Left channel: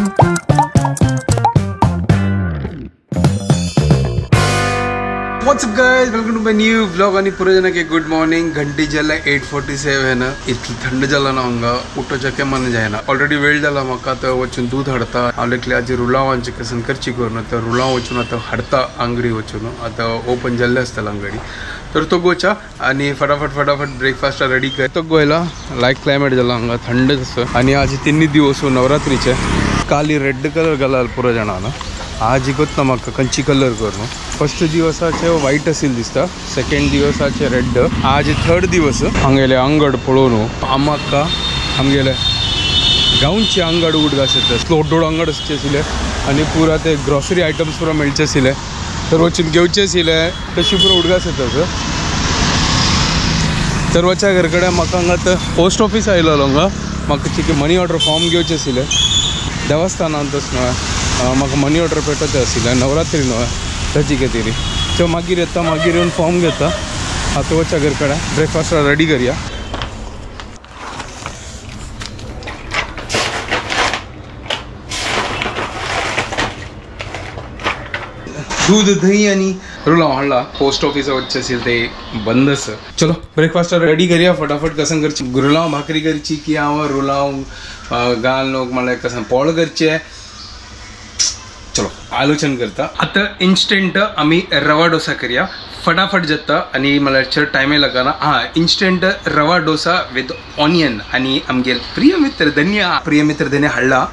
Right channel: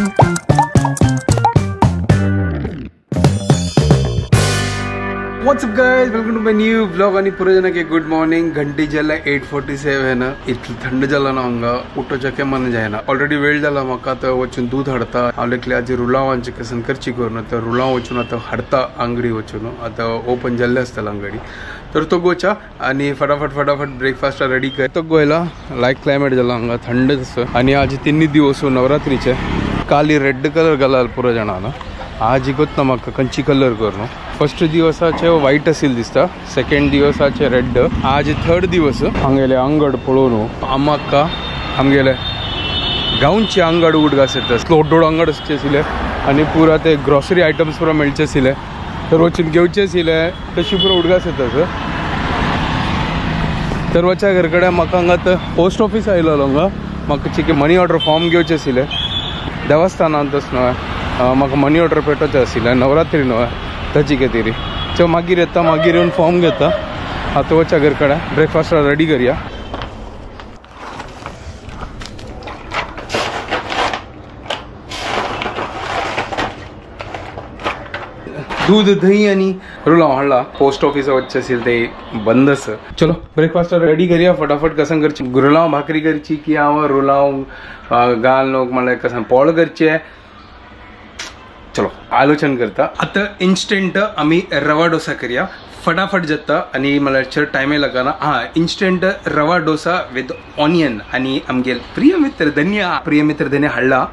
What's up guys, welcome to my new vlog आणि पुरे जन के गुड मॉर्निंग. घंटी जाला 8:47 इतलं थंड जाला ना हंगा उठोच्या मन जायना. ऑलरेडी वेळ झाला म्हाका तर वचून दूध हाडता आवलेकले आज रुलावांचे कसन करची करून तर रुलाव वचून आता हाडता अंगडी वचून आता ओपन जाल्ले असताला अंगडी तर तो गोचा आणि फटाफट ब्रेकफास्ट रेडी कर. तो गोयला लाईक क्लायमेट झाला हंगा थंड तसं आणि आज 3 दिवस नवरात्रीचे काली रेड कलर घालाल पुरो जाणांना. आज इगोत ना म्हाका कंची कलर करून. फर्स्ट दिवसाचे व्हाईट असेल दिसता, सेकंड दिवसाचे रेड, आज थर्ड दिवस हांगेले अंगड पळोवन आम्हाका आमगेले गांवचे अंगड उडगास स्लोडोड अंगड आसले आणि पुरा ते ग्रॉसरी आयटम्स पुरा मेळचे आसले तर वचून घेवचे आसले तशी पुरा उडगास येतात. तर वच्या घर कडेन म्हाका हांगा पोस्ट ऑफिस आयलो हांगा म्हाका चिकी मनी ऑर्डर फॉर्म घेवचे आसले देवस्थानांतच न्हय म्हाका मनी ऑर्डर पेटोवचे आसले नवरात्री न्हय ताची कितें सो मागीर येता मागीर येवन फॉर्म घेता. आतां वच्या घर कडेन ब्रेकफास्ट रेडी करया. दूध दही आणि रुलाव हाडला. पोस्ट ऑफिस वच्चे असेल ते बंदच. चलो ब्रेकफास्ट रेडी करया फटाफट. कसन करची रुलाव भाकरी करची की हांव रुलाव घाल लोक म्हळ्यार कसन पोळ करचे चलो आलोचन करता. आता इन्स्टंट आम्ही रवा डोसा करूया फटाफट जाता आणि मला चड टायम लागना. हां इन्स्टंट रवा डोसा विथ ऑनियन आणि आमगे प्रिय मित्र धन्य हाडला.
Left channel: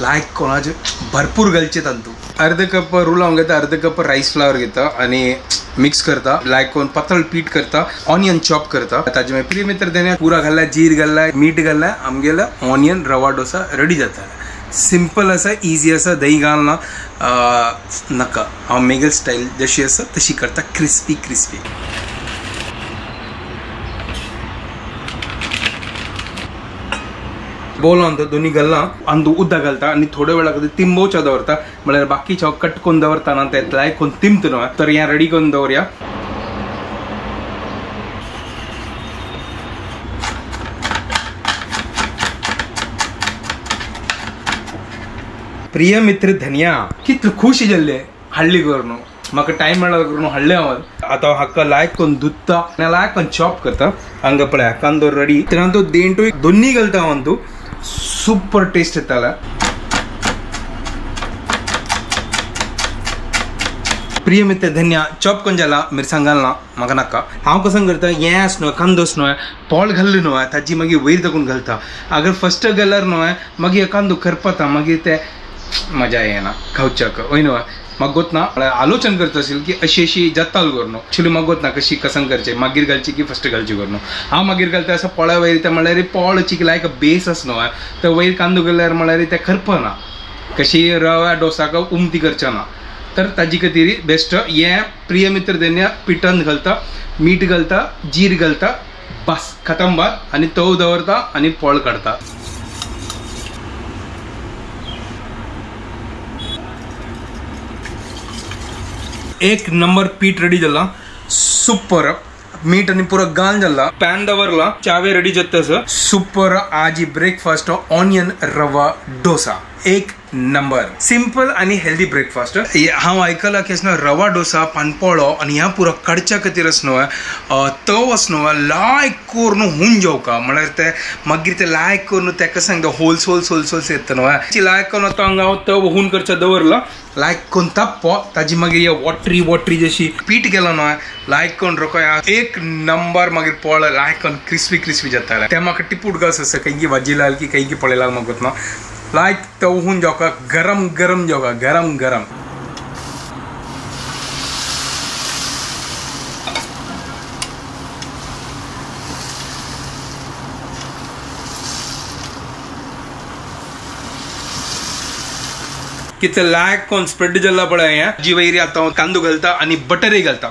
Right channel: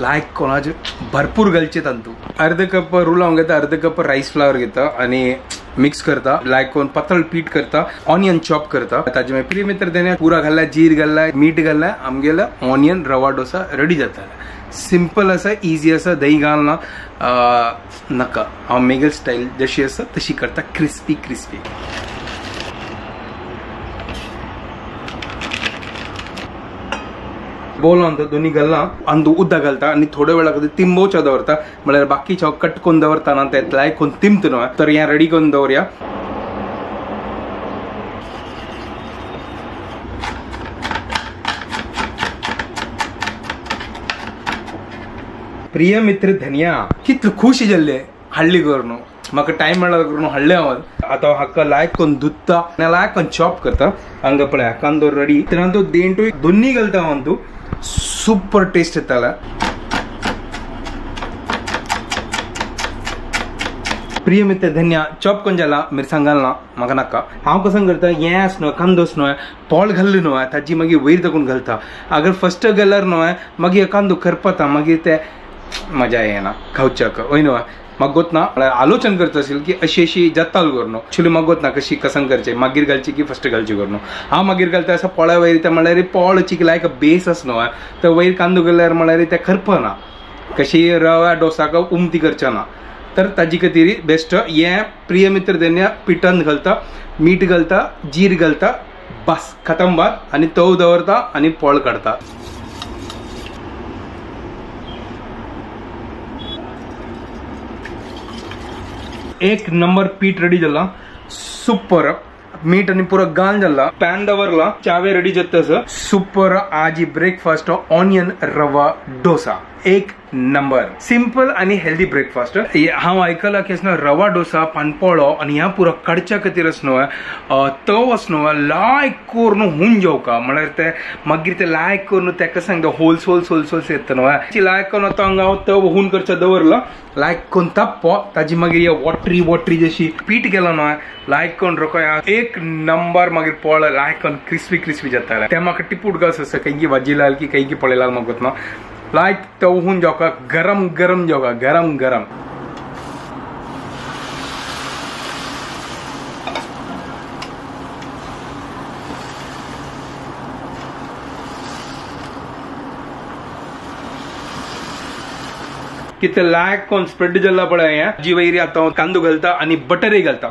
लायक कोणाचे भरपूर घालचे तांतू. अर्ध कप रुलाव घेता, अर्ध कप राईस फ्लावर घेता आणि मिक्स करता. लायक कोण पातळ पीठ करता, ऑनियन चॉप करता. ताजे मागीर प्रिय मित्र धन्य पुरा घालला, जीर घालला, मीठ घालला, आमगेला ऑनियन रवा डोसा रेडी जाता. सिंपल असा इजी असा दही घालना नका. हांव मेगल स्टाईल जशी आसा तशी करता क्रिस्पी. बोल अंत दोन्ही घालना अंदू उद्दा घालता आणि थोड्या वेळा कधी तिंबोवच्या दवरता म्हळ्यार बाकीच्या कट करून दवरता ना ते लायक कोण तिंबत न्हय तर हें रेडी करून दवरया. प्रिय मित्र धन्या कितले खुश जाल्ले हाडली करून म्हाका टायम मेळ्ळा करून हाडले हांव. आतां हाका लायक करून धुत्ता लायक करून चॉप करता. हांगा पळय कांदो रेडी तेन्ना तो देंटू दोन्ही घालता हांव तूं सुपर टेस्ट येताला. प्रिय मित्र धन्या चॉप करून जाला मिरसांग घालना म्हाका नाका. हांव कसं करता येस न्हय कांदोच न्हय पोळ घाल्ली न्हय ताजी मागीर वयर तकून घालता. अगर फर्स्ट घाल्यार न्हय मागीर कांदो करपता मागीर ते मजा येना खावच्याक वय न्हय. म्हाका गोतना आलोचन करता असेल की अशी जत्ताल करून ॲक्च्युली म्हाका गोतना कशी कसन करचे मागीर घालची की फर्स्ट घालची करून. हांव मागीर घालता असं पोळ्या वयर ते म्हळ्यार पोळची लायक बेस आस न्हय तर वयर कांदो घाल्यार म्हळ्यार ते करपना कशी रवा डोसाक उमती करचे ना तर ताजी खातीर बेस्ट. हें प्रिय मित्र धन्य पिठान घालता, मीठ घालता, जीर घालता, बस खतम बात आणि तव दवरता आणि पोळ काडता. एक नंबर पीठ रेडी झाला सुपर. मीठ आणि पुरा गान झाला पॅन दवरला चावे रेडी जातस सुपर. आज ब्रेकफास्ट ऑनियन रवा डोसा एक नंबर सिंपल आणि हेल्दी ब्रेकफास्ट. हांव आयकलां की रवा डोसा पानपोळो आणि ह्या पुरा कडच्या खातीर न्हय तव न्हय लायक करून हुन जेवका म्हळ्यार ते मागीर ते लायक करून ताका सांगता होल्स येता न्हय लायक करून आतां हांगा तव हुन करचें दवरला लायक करून ताप्पो ताजी मागीर वॉटरी जशी पीठ गेलो न्हय लायक करून रोखया एक नंबर मागीर पोळ लायक करून क्रिस्पी जाता. ते म्हाका टिपूट गास आसा काही भाजी लाल की काही पळयलाल म्हाका गोतना लायक तवहून जेवका गरम जेवका गरम. किती लायक कोण स्प्रेड जाला पळय हें जी वयरी आतां कांदो घालता आणि बटरय घालता.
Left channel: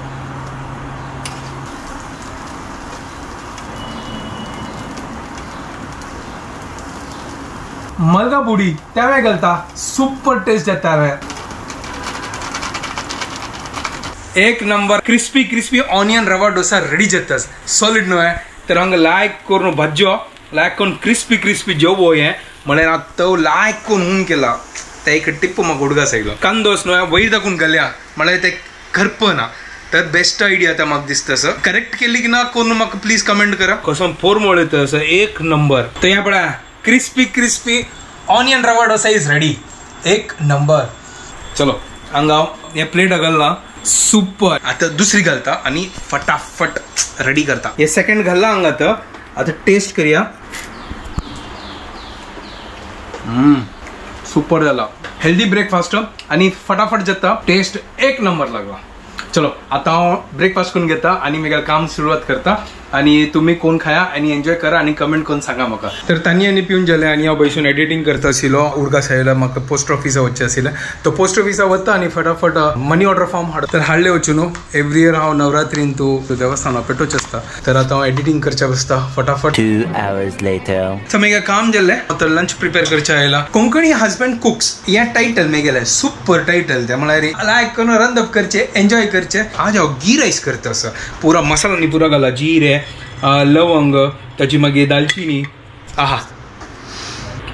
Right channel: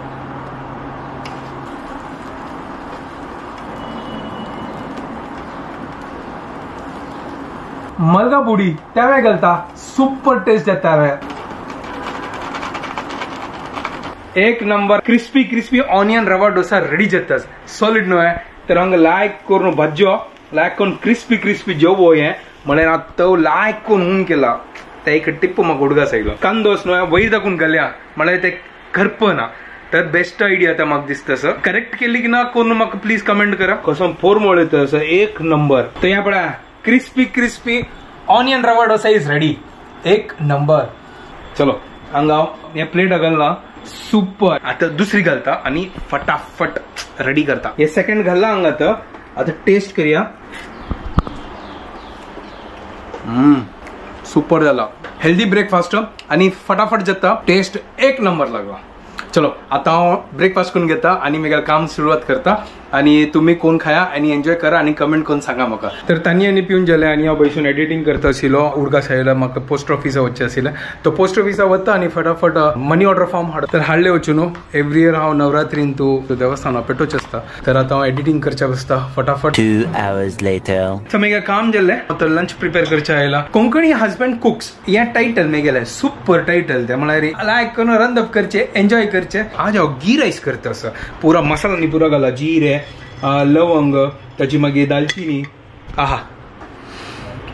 मलगा बुडी त्यावेळी घालता सुपर टेस्ट येता. एक नंबर क्रिस्पी ऑनियन रवा डोसा रेडी जाता सॉलिड न्हय तर हांगा लायक करून भाज्यो लायक करून क्रिस्पी जेवो हें म्हळ्यार आतां तो लायक करून हून केला ते एक टिप्प म्हाका उडगा सायलो कांदोस न्हू वयर दाखवून घाल्या म्हळ्यार ते करपना तर बेस्ट आयडिया आता म्हाका दिसता सर करेक्ट केली की ना करून म्हाका प्लीज कमेंट करा कसं फोर मोड सर एक नंबर तर या पळा क्रिस्पी ऑनियन रवा डोसा इज रेडी एक नंबर चलो हांगा हे प्लेट घालना सुपर आता दुसरी घालता आणि फटाफट रेडी करता हे सेकंड घालला हांगा आता टेस्ट करूया सुपर झाला हेल्दी ब्रेकफास्ट आणि फटाफट जाता टेस्ट एक नंबर लागला चलो आता हांव ब्रेकफास्ट करून घेता आणि म्हगेलें काम सुरवात करता आणि तुम्ही कोण खाया आणि एन्जॉय करा आणि कमेंट करून सांगा म्हाका तर तांणी आनी पिवन गेले आणि हांव बसून एडिटींग करता आशिल्लो उडगा सायला म्हाका पोस्ट ऑफिसा वचचें आशिल्लें तो पोस्ट ऑफिसा वता आणि फटाफट मनी ऑर्डर फॉर्म हाड तर हाडले वचून एवरी इयर हांव नवरात्रीन तूं देवस्थानां पेटोवचें आसता तर आतां हांव एडिटींग करचें बसता फटाफट 2 hours later सो म्हगेलें काम जाल्लें तर लंच प्रिपेअर करचें आयला कोंकणी हजबंड कुक्स हें टायटल म्हगेलें सुपर टायटल तें म्हळ्यार लायक करून रंदप करचें एन्जॉय करचें आज हांव गी रायस करता असो पुरा मसाला न्ही पुरा घाला जिरे लवंग ताची मागीर दालचिनी आहा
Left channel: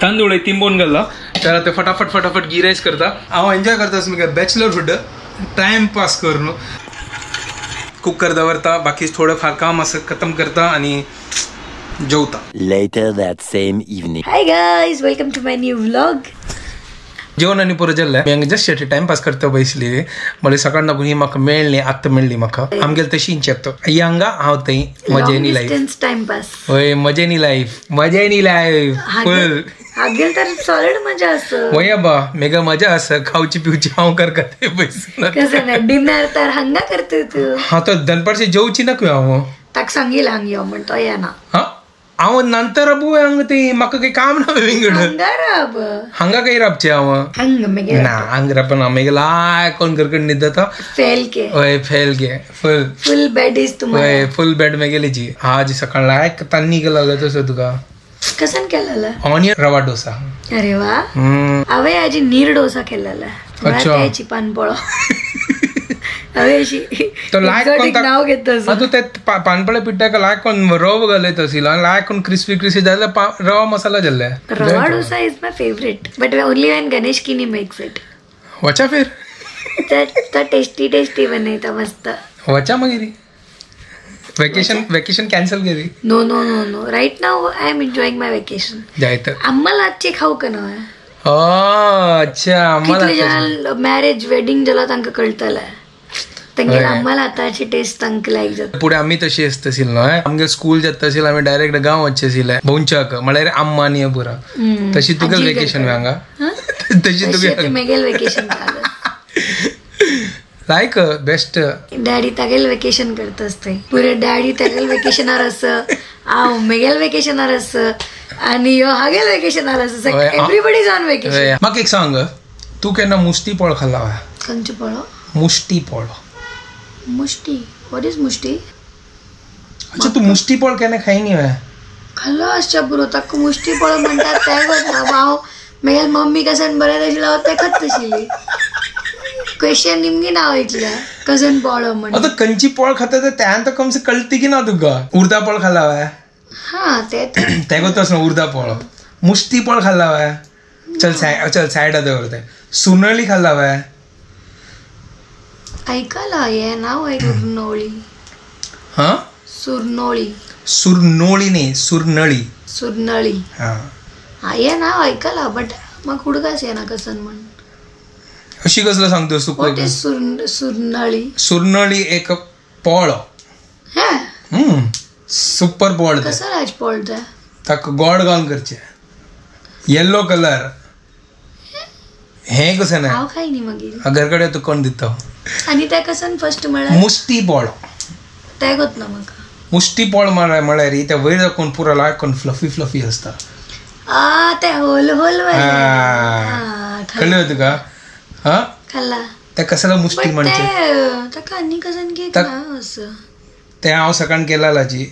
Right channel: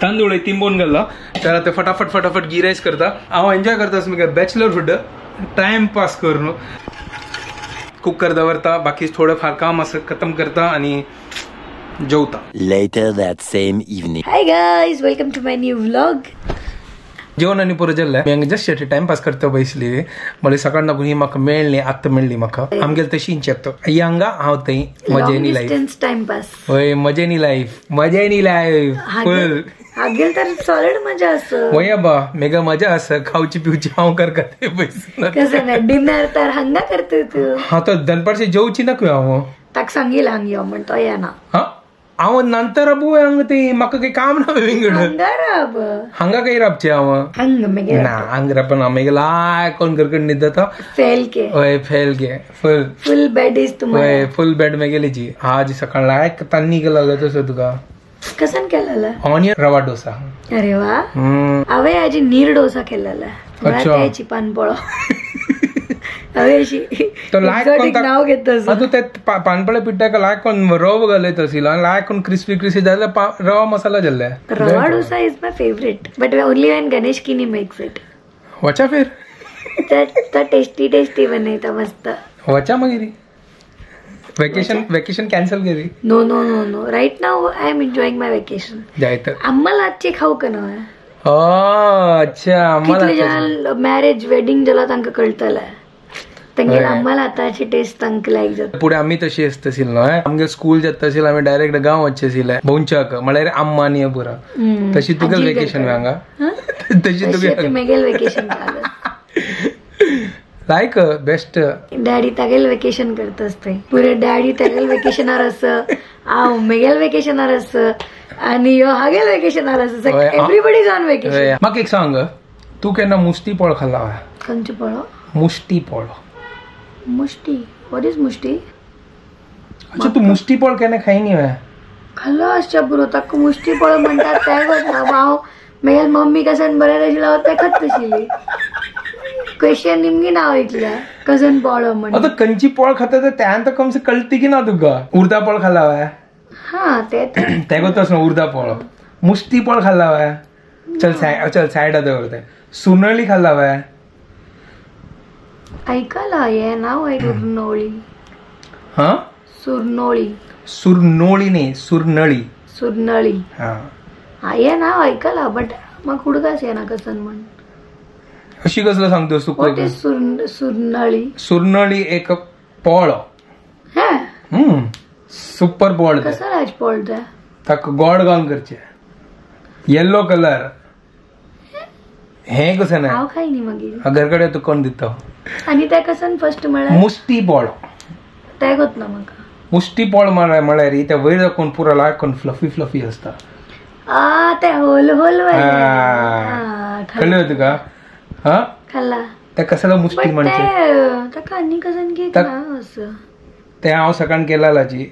तांदूळ तिंबोन घालला तर आता फटाफट गी रायस करता हांव एन्जॉय करता असो म्हगे बॅचलरहूड टायम पास करून कुकर दवरता बाकी थोडं फार काम असं खतम करता आणि जेवता later that same evening. Hi guys, welcome to my new vlog. जेवण आणि पुरो जाल्लें हांवें जस्ट टायमपास करता बसली म्हणजे सकाळ लागून ही म्हाका मेळ्ळी आत्ता मेळ्ळी म्हाका आमगेल तशींच येता हांगा हांव थंय मजेनी लायफ टाइमपास होय मजेनी लायफ फुल हागेल तर सॉलिड मजा असं वया बा मेगा मजा आसा खावची पिवची हांव करता ते बसून कसं ना डिनर तर हंगा करतो तू हा तो दनपारचे जेवची नका हांव ताका सांगील हांग यो म्हणतो या ना हा हांव नंतर अबू हांगा ते म्हाका काही काम ना विंगड हंगाराब हांगा काही राबचे हांव हंग मेगे ना हांग रापना मेगा लाय कोण करकड न्हिद जाता फेल के होय फेल गे फुल बेड इज तुम्हाला होय फुल बेड मेगेलीची आज सकाळ लायक तान्नी केला तसं तुका कसन केलेला ऑनियन रवा डोसा अरे वा हांवें आजी नीर डोसा केलेला त्याची पानपोळो तो लायक नाव घेतस तू ते पानपळे पिठ्ठाक लायक कोण रवो घालत आशिल्लो आनी लायक कोण क्रिस्पी जाल्यार रवा मसाला जाल्ले रवा dosa is my favourite but only when Ganesh किनी मेक्स इट वचा फिर तर टेस्टी बनयता मस्त वचा मागीर वेकेशन कॅन्सल केली no right now I am enjoying my vacation जाय तर आम्हाला आजचे खाऊ का ना अच्छा आम्हाला मॅरेज वेडिंग जाला तांकां कळटलें तांगेर आम्हाला आताची टेस्ट तांकां लायक जाता पुढे आम्ही तशी असत न्हय आमगे स्कूल जाता आशिल्लें आमी डायरेक्ट गांव वचचे आशिल्ले भोंवच्याक म्हळ्यार आम्मा आनी पुरा तशी तुगेल वेकेशन हांगा तशी तुगे मेगेल वेकेशन लायक बेस्ट डॅडी तागेल वेकेशन करता असते पुरे डॅडी तागेल वेकेशनार आस हांव मेगेल वेकेशनार आस आनी यो हागेल वेकेशनार आस एवरीबडी इज ऑन वेकेशन म्हाका एक सांग तू केन्ना मुस्ती पोळ खाल्ला खंयचो पळो मुष्टी पोळ मुष्टी व्हॉट इज मुष्टी अच्छा तू मुष्टी पोळ केन्ना खायनी खाल्लो आसच्या पुरो ताका मुष्टी पळो म्हणटात तें गो हांव मेगेल मम्मी कसन बरें आशिल्लो हांव तें खात आशिल्ली क्वेश्चन निमगे नाव ऐकल्या कसन पोळो म्हणून आता खंयची पोळ खाता तर त्यान तर कमसे कळती की ना तुका उर्दा पोळ खाल्ला हा ते गोतस ना उर्दा पोळ मुष्टी पोळ खाल्ला चल सायडा दवरते सुरनळी खाल्ला ऐकायला हे नाव आहे सुरनोळी हा सुरनोळी नाही सुरनळी हा हे नाव ऐकायला बट मग हुडकाच येना कसन म्हण अशी कसलं सांगतो सुरनळी एक पोळ सुपर पोळ कसं राज पोळ ताका गोड घालून करचे येल्लो कलर हे कसं नाही हांव खायनी मागीर घरकडे तू कोण दिता आणि ते कसन फर्स्ट म्हळ्यार मुष्टी पोळ ते गोत ना म्हाका मुष्टी पोळ म्हळ्यार त्या वयर दाखोवन पुरो लायक फ्लफी असता ते होल कळलं तुका हा खाल्ला त्या कशाला मुष्टी म्हणते ताका आनी कसन केक ना असं ते हांव सकाळ केला जी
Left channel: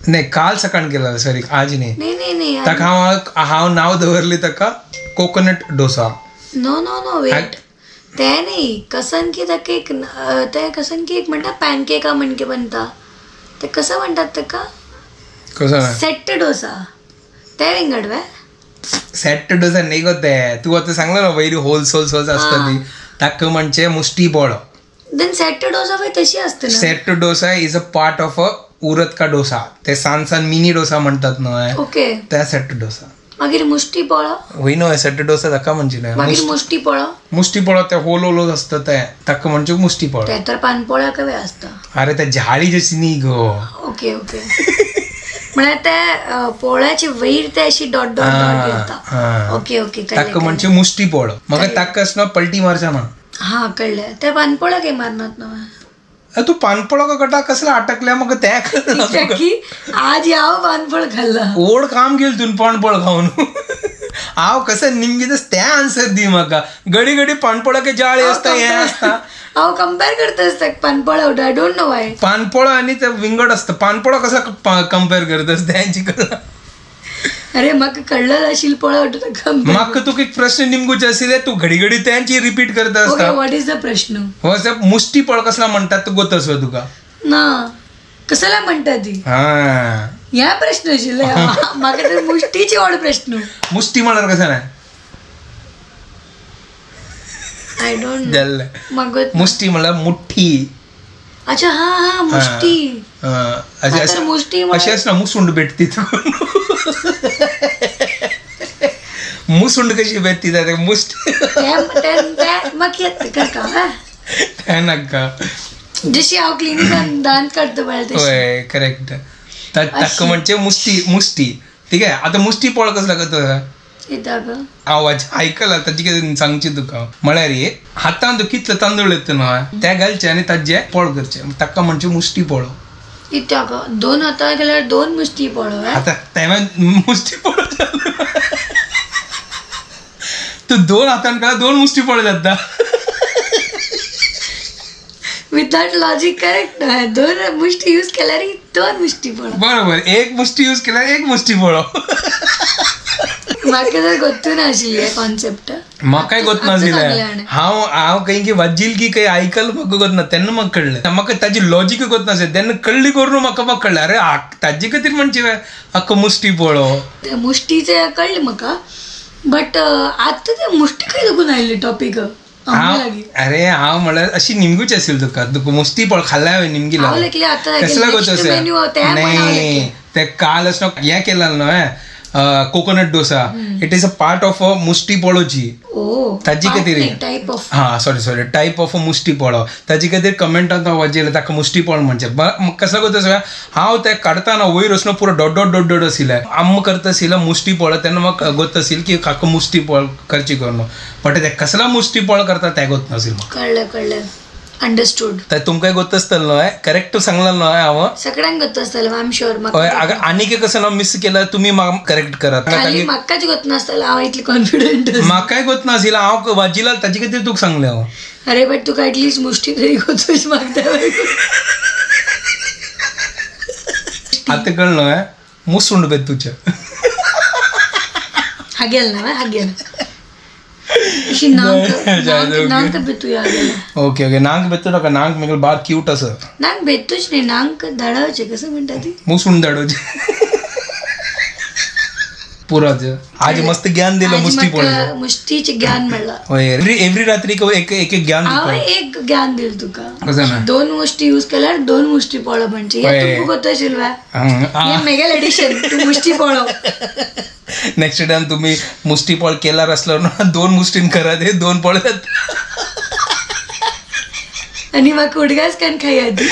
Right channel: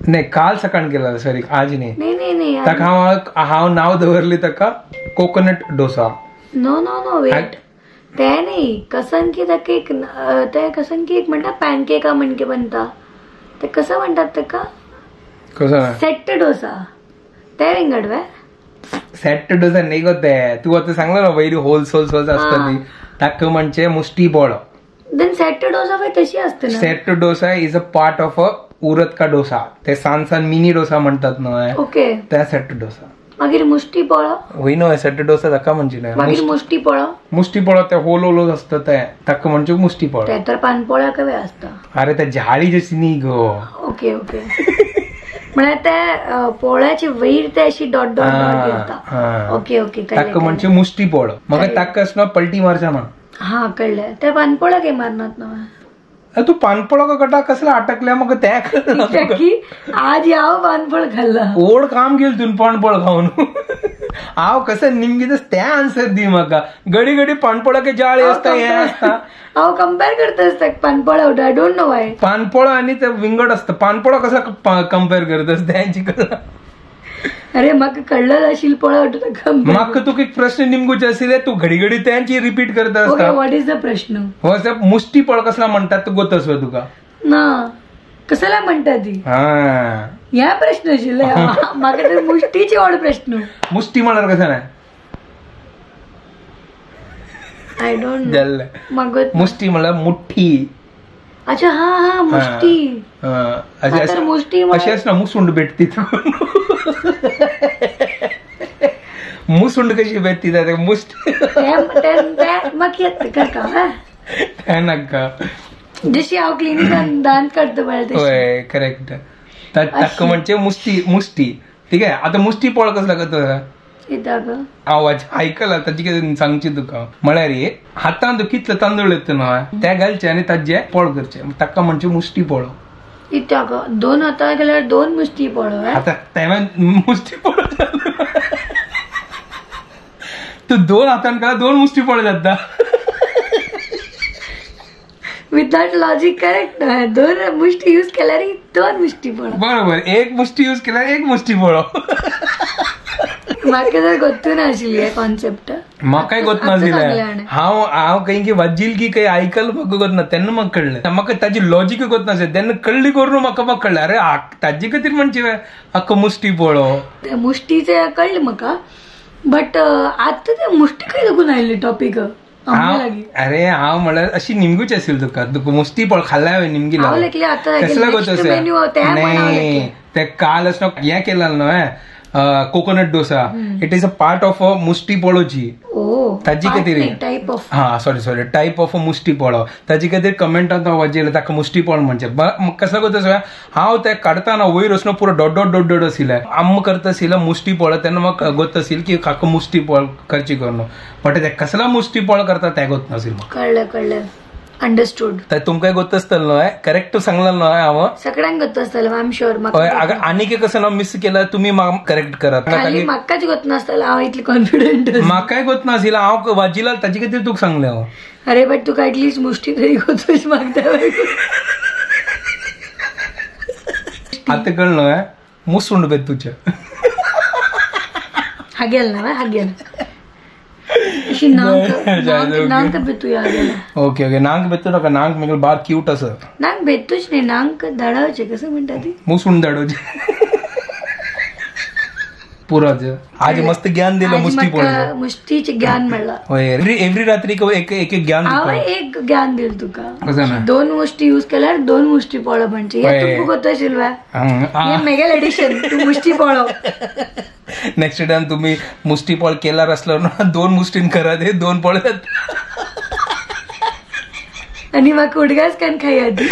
नाही काल सकाळ केला सॉरी आज नाही ताका हांव नाव दवरली ताका कोकोनट डोसा नो वेट ते नाही कसन की केक ते कसन केक म्हणटा पॅनकेका म्हणके बनता ते कसं म्हणतात ताका कसं सेट डोसा ते विंगड वे सेट डोसा नाही गोते तू आता सांगला ना वैरी होल्स असतं ती ताक म्हणजे मुष्टी पोळो. देन सेट डोसा पण तशी असते ना. Set dosa is a part of अ उरत का डोसा. ते सान मिनी डोसा म्हणतात ना. ओके. त्या सेट डोसा मागीर मुष्टी पोळो होई नो सेट डोसा ताका म्हणजे ना. मागीर मुष्टी पोळो. मुष्टी पोळो ते होल असतं ते ताका म्हणजे मुष्टी पोळो. ते तर पानपोळ्या कवे असता. अरे त्या झाडी जशी नी गो. Okay okay. म्हणजे त्या पोळ्याची वैर ते अशी डॉट येता. Okay okay. ताका म्हणजे मुष्टी पोळो. मग ताकाच ना पलटी मारचा ना. हा कळलं. त्या पानपोळ्या काही मारणार ना. तू पानपोळा का कटा कसला अटकल्या मग त्या की आज याव पानपोळ खाल्ला ओढ काम केलं तुम्ही पानपोळ खाऊन. हांव कसं निमगीतच त्या आन्सर दी म्हाका. घडी घडी पानपोळा काही जाळे असता हे असता. हांव कम्पेअर करता असता पानपोळा उठ. I don't know why. पानपोळा आणि ते विंगड असतं. पानपोळा कसा कम्पेअर करत असते त्यांची कला. अरे म्हाका कळलं शिलपोळा उठता. म्हाका तुका एक प्रश्न निमगूचे आशिल्ले तू घडी घडी त्यांची रिपीट करत असता. व्हॉट इज द प्रश्न. हो मुष्टी पळ कसला म्हणतात तो गोतस तुका ना कसला म्हणटा ती. हा ह्या प्रश्न आशिल्ले. म्हाका तर मुष्टीची व्हड प्रश्न. मुष्टी म्हणल्यार कसं नाही. I don't no. म्हाका मुष्टी म्हणल्यार मुठ्ठी. अच्छा हा मुष्टी. मुष्टी अशी ना मुसुंड भेटती. मुसुंड कशी भेटती त्या मुष्टी मग येत का नका जशी हांव क्लिनिकान दांत काडता पळय होय करेक्ट. ताका म्हणजे मुष्टी ठीक आहे. आता मुष्टी पोळ कसला करता आवाज ऐकला ताची कितें सांगची तुका म्हळ्यार हातान कितले तांदूळ येता ना त्या घालचे आणि ताजे पोळ करचे ताका म्हणजे मुष्टी पोळो. इत्याक 2 हातां गेल्यार 2 मुष्टी पोळो. आता तेव्हा मुष्टी पोळो तू 2 हातान का 2 मुष्टी पोळो जाता. विदाउट लॉजिक करेक्ट ना. 2 मुष्टी यूज केल्यार 2 मुष्टी पोळो. बरोबर. 1 मुष्टी यूज केल्यार 1 मुष्टी पोळो. म्हाका तर गोतून आशिल्ली कॉन्सेप्ट. म्हाकाय गोत नासलें. हांव काही की वाजील की काही आयकल म्हाका गोत ना तेन्ना म्हाका कळलें. म्हाका ताजी लॉजीक गोत नासलें तेन्ना कळली करून म्हाका कळलें अरे ताजे खातीर म्हणजे आख्खो मुष्टी पोळो. ते मुष्टीचे कळलें म्हाका बट आतां ते मुष्टी खंय लागून आयिल्ली टॉपीक. अरे हांव म्हळ्यार अशी निमगूच आशिल्ली तुका मुष्टी पोळ खाल्ल्या निमगी कसला गोत नाही. ते काल असं हें केलें न्हय coconut dosa. It is a part of a मुष्टी पोळोची. ताजी खातीर हा sorry type of a mushti polo. ताजी खातीर कमेंटांत हांव वाजयलें ताका मुष्टी पोळ म्हणजे कसलो गोत हांव ते काडटाना वयर वचून पुरो डॉट आशिल्लें. आम्म करता आशिल्लो मुष्टी पोळ तेन्ना म्हाका गोत आशिल्लें की काका मुष्टी पोळ करची करून बट ते कसला मुष्टी पोळ करता तें गोत नाशिल्लें. कळलें अंडरस्टूड. तर तुमकां गोत आसतलें न्हय करेक्ट सांगलें न्हय हांव. सगळ्यांक गोत आसतलें आय एम शुअर. आनीक कसं हांव मिस केल्यार तुमी म्हाका करेक्ट करात. म्हाकाच गोत नासतलें हांव इतली कॉन्फिडंट. म्हाकाय गोत नाशिल्लें हांव वाजिला ताजे खातीर तुका सांगलें हांव. अरे बट तुका एटलीस्ट मुष्टी तरी गोतूच मागता. आतां कळ्ळें न्हय मुसुंड बेत तुजें. हागेल ना हागेल अशी नांक बेतूया. ओके नांक बेतू नका. नांक म्हणजे बार क्यूट असं. नांक बेतूच नाही नांक धाडवचे कसं म्हणटा ती मुसून धाडवचे पुराच. आज मस्त ज्ञान दिलं मुष्टी पोळीचं. मुष्टीचे ज्ञान मेळ्ळा. एव्हरी रात्री एक ज्ञान हांव एक ज्ञान दिल तुका. 2 मुष्टी यूज केल्यार 2 मुष्टी पोळो म्हणजे तुका गोत आशिल्लो मेगल एडिशन तू मुष्टी पोळो. नेक्स्ट टाइम तुम्ही मुष्टी पोळ केल्यार असलो ना 2 मुष्टीन करा ते 2 पोळ आणि म्हाका उडगास कान खाया ती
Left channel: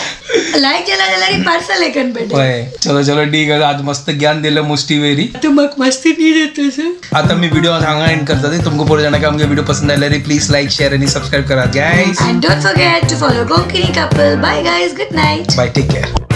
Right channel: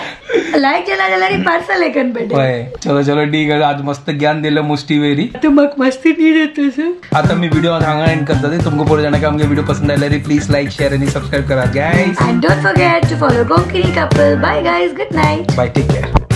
लायक केला जाल्यार पार्सल एकन पेटे. चलो ठीक आहे. आज मस्त ज्ञान दिलं मुष्टी वेरी. तू म्हाका मस्ती नी देतोस. आता मी व्हिडिओ हांगा एंड करता ते तुमको पुरो जाणां आमगे व्हिडिओ पसंद आयल्यार प्लीज लाईक शेअर आणि सबस्क्राईब करा guys. And don't forget to follow Konkani couple. Bye guys. Good night. Bye take care.